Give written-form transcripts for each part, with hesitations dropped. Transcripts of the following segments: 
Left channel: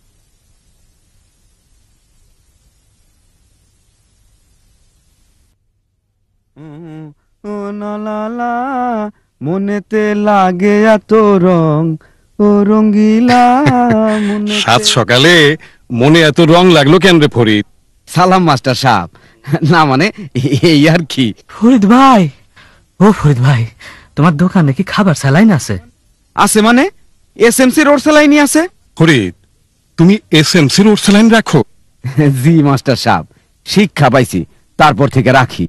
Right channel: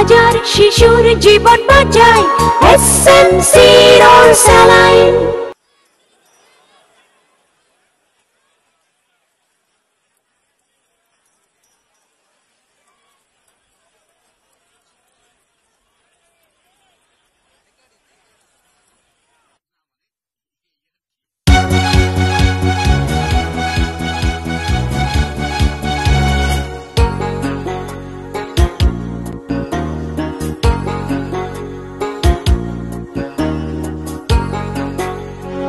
হাজার শিশুর জীবন বাঁচায় এসএমসির ওরসালাইন। ও না লা লা মনেতে লাগে এত রং ও রঙ্গিলা সাত সকালে মনে এত রং লাগলো কেন রে ফরিদ? সালাম মাস্টার সাহেব। না মানে এই আর কি। ফরিদ ভাই, ও ফরিদ ভাই, তোমার দোকানে কি খাবার স্যালাইন আছে? আছে মানে এসএমসি রোড স্যালাইনই আছে। ফরিদ, তুমি এসএমসি রোড স্যালাইন রাখো? জি মাস্টার সাহেব, শিক্ষা পাইছি তারপর থেকে রাখি।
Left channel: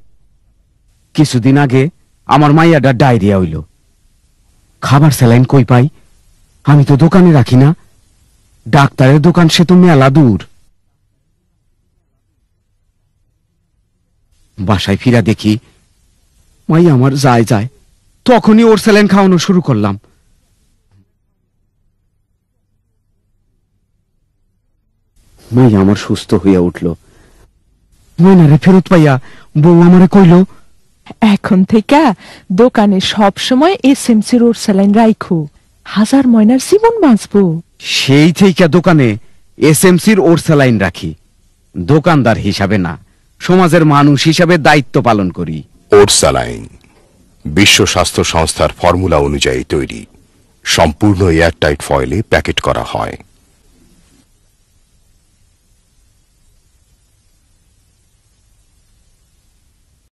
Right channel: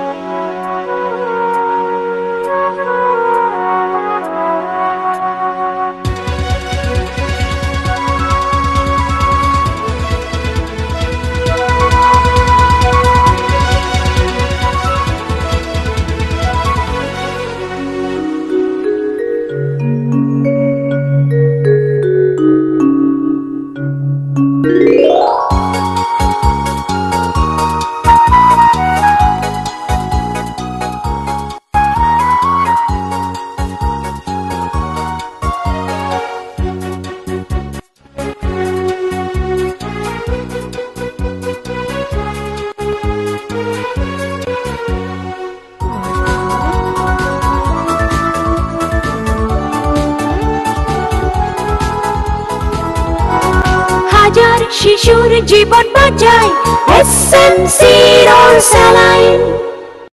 কিছুদিন আগে আমার মাইয়াটা ডায়রিয়া হইল, খাবার স্যালাইন কই পাই? আমি তো দোকানে রাখি না, ডাক্তারের দোকান সে তো মেলা দূর। বাসায় ফিরা দেখি মাই আমার যায় যায়, তখনই ওর স্যালাইন খাওয়ানো শুরু করলাম। বউ আমার সুস্থ হইয়া উঠল। মনারা ফেরত পাইয়া বউ আমারে কইল, এখন থেকে দোকানে সব সময় এসএমসি রোড স্যালাইন রাখো, হাজার ময়নার জীবন বাঁচবো। সেই থেকে দোকানে এসএমসির ওর স্যালাইন রাখি। দোকানদার হিসাবে না, সমাজের মানুষ হিসাবে দায়িত্ব পালন করি। ওরসালাইন বিশ্ব স্বাস্থ্য সংস্থার ফর্মুলা অনুযায়ী তৈরি, সম্পূর্ণ এয়ারটাইট ফয়েলে প্যাকেট করা হয়। হাজার শিশুর জীবন বাঁচায় এসএমসির ওরসালাইন।